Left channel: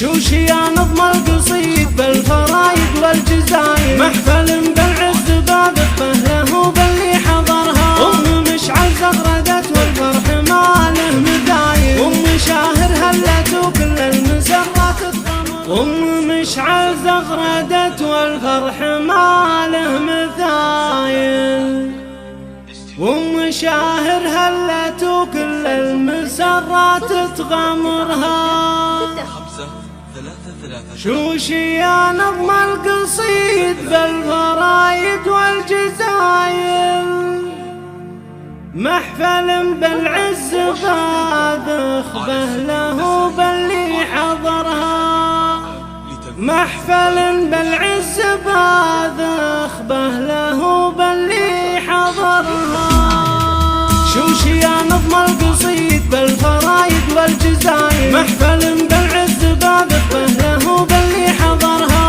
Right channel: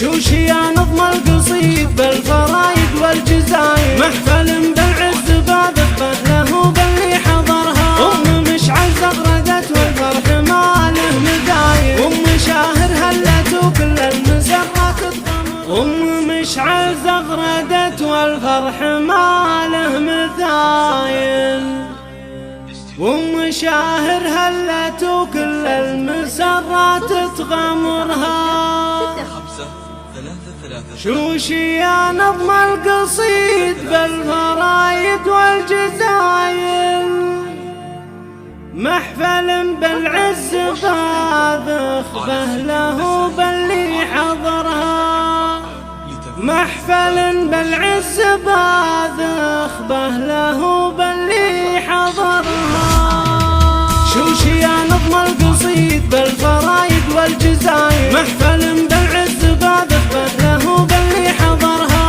شوشي يا نظم القصيد بالفرايد والجزايد، محفل بالعز باذخبه له باللي حضرها. مشعل زغردت والفرح ما له مثايل، شاهر هلت وكل المسرات تغمر. مشعل زغردت والفرح ما له مثايل، شاهر هلت وكل المسرات تغمرها. شوشي يا نظم القصيد بالفرايد والجزايل، محفل بالعز باذخبه له باللي حضرها. محفل بالعز باذخبه له باللي حضرها. شوشي يا نظم القصيد بالفرايد والجزايل، محفل بالعز باذخبه له باللي حضرها.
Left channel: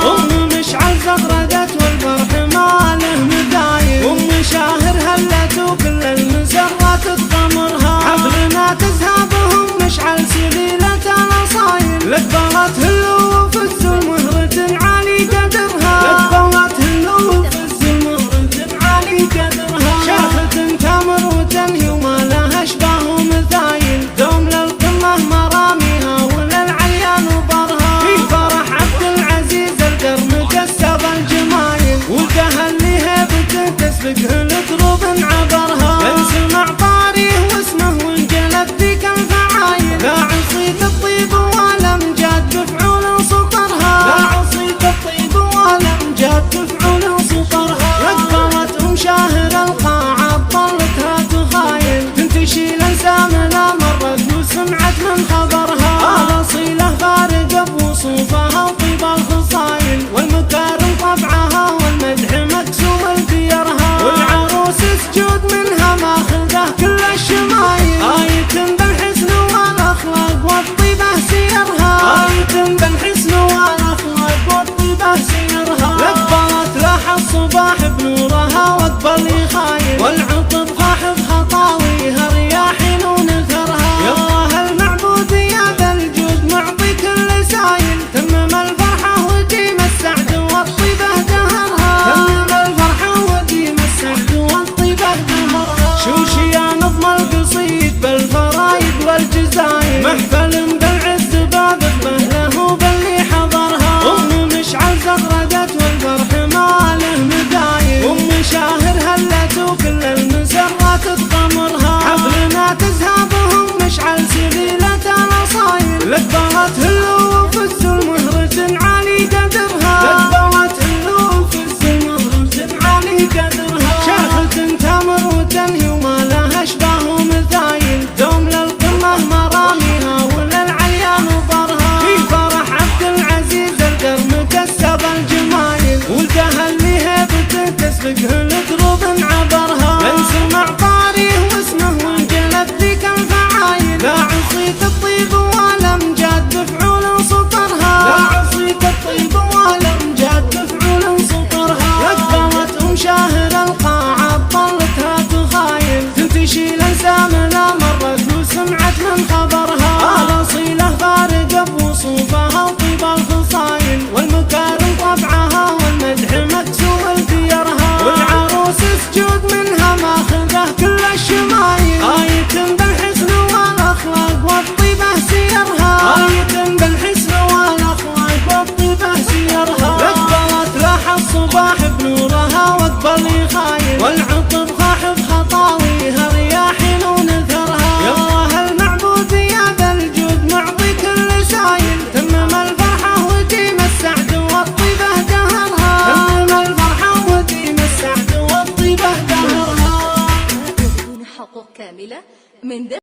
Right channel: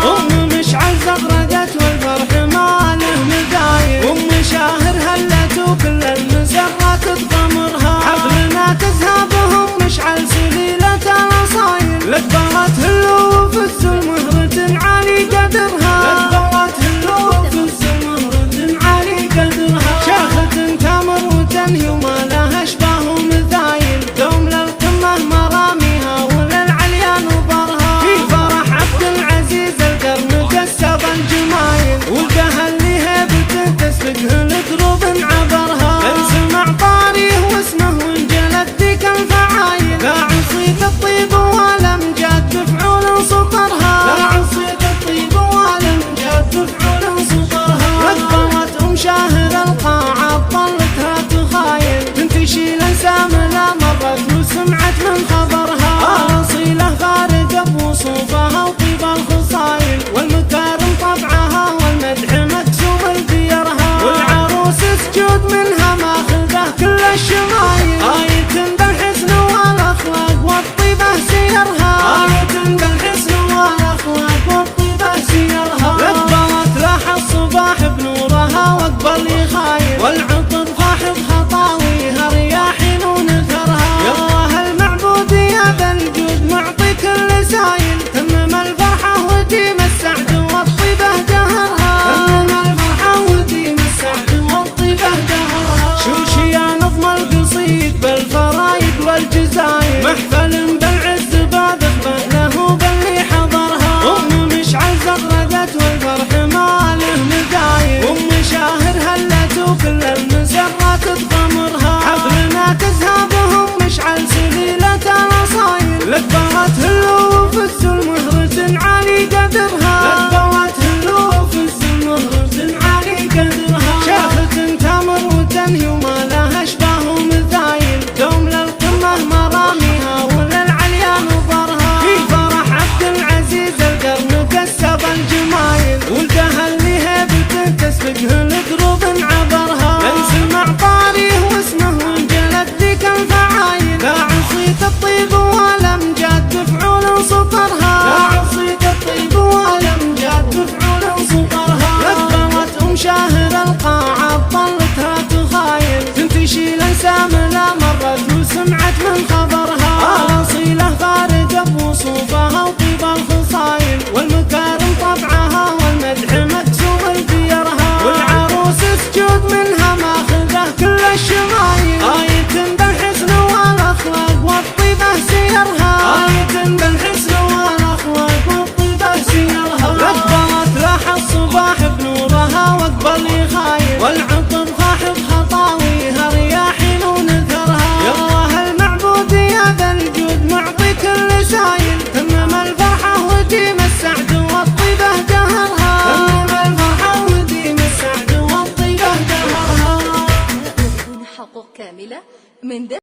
مشعل زغردت والفرح ما له مثايل، شاهر هلت وكل المسرات تغمرها. حفلنا تزهابهم مشعل سليلة الأصايل، لقبلت هلو وفز المهرة عالي قدرها. لقبلت هلو وفز المهرة عالي قدرها. شاخة تمر وتنهي وما لها اشباه مثايل، دوم للقمة مراميها وللعليا نظرها. في فرح عبد العزيز القرن كسب الجمايل، والقهل هيبته تسبقه لدروب عبرها. نسمع طاريه واسمه وانجلت ذيك الفعايل، لا عصيت الطيب والامجاد بفعول سطرها. لا عصيت الطيب والامجاد بفعول سطرها. لقبلت شاهر القاعة طلتها تخايل، تنتشي الانسام لا مرت وسمعت من خبرها. اصيله فارقه بوصوفها وطيب الخصايل، والمكارم طبعها والمدح مقسوم لديرها. والعروس سجود منها ماخذه كل الشمايل، آية بالحسن والاخلاق والطيبه سيرها. آية بالحسن والاخلاق والطيبه سيرها. لقبلت لاح الصباح بنورها واقبل يخايل، والعطر فاحظ خطاويها رياحين ونثرها. يا الله المعبود يا ذا الجود معطي كل سايل، تمم الفرحه وديم السعد والطيبه دهرها. تمم الفرحه وديم السعد والطيبه دهرها. شوشي يا نظم القصيد بالفرايد والجزايل، محفل بالعز باذخبه له باللي حضرها. مشعل زغردت والفرح ما له مثايل، شاهر هلت وكل المسرات تغمرها. حفلنا تزهابهم مشعل سليلة الأصايل، لقبلت هلو وفز المهرة عالي قدرها. لقبلت هلو وفز المهرة عالي قدرها. شاخة تمر وتنهي وما لها اشباه مثايل، دوم للقمة مراميها وللعليا نظرها. في فرح عبد العزيز القرن كسب الجمايل، والقهل هيبته تسبقه لدروب عبرها. نسمع طاريه واسمه وانجلت ذيك الفعايل، لا عصيت الطيب والامجاد بفعول سطرها. لا عصيت الطيب والامجاد بفعول سطرها. لقبلت شاهر القاعة طلتها تخايل، تنتشي الانسام لا مرت وسمعت من خبرها. الاصيله فارقه بوصوفها وطيب الخصايل، والمكارم طبعها والمدح مقسوم لديرها. والعروس سجود منها ماخذه كل الشمايل، آية بالحسن والاخلاق والطيبه سيرها. آية بالحسن والاخلاق والطيبه سيرها. لقبلت لاح الصباح بنورها واقبل يخايل، والعطر فاحظ خطاويها رياحين ونثرها. يا الله المعبود يا ذا الجود معطي كل سايل، تمم الفرحه وديم السعد والطيبه دهرها. تمم الفرحه وديم السعد والطيبه دهرها. بدون حقوق كامله من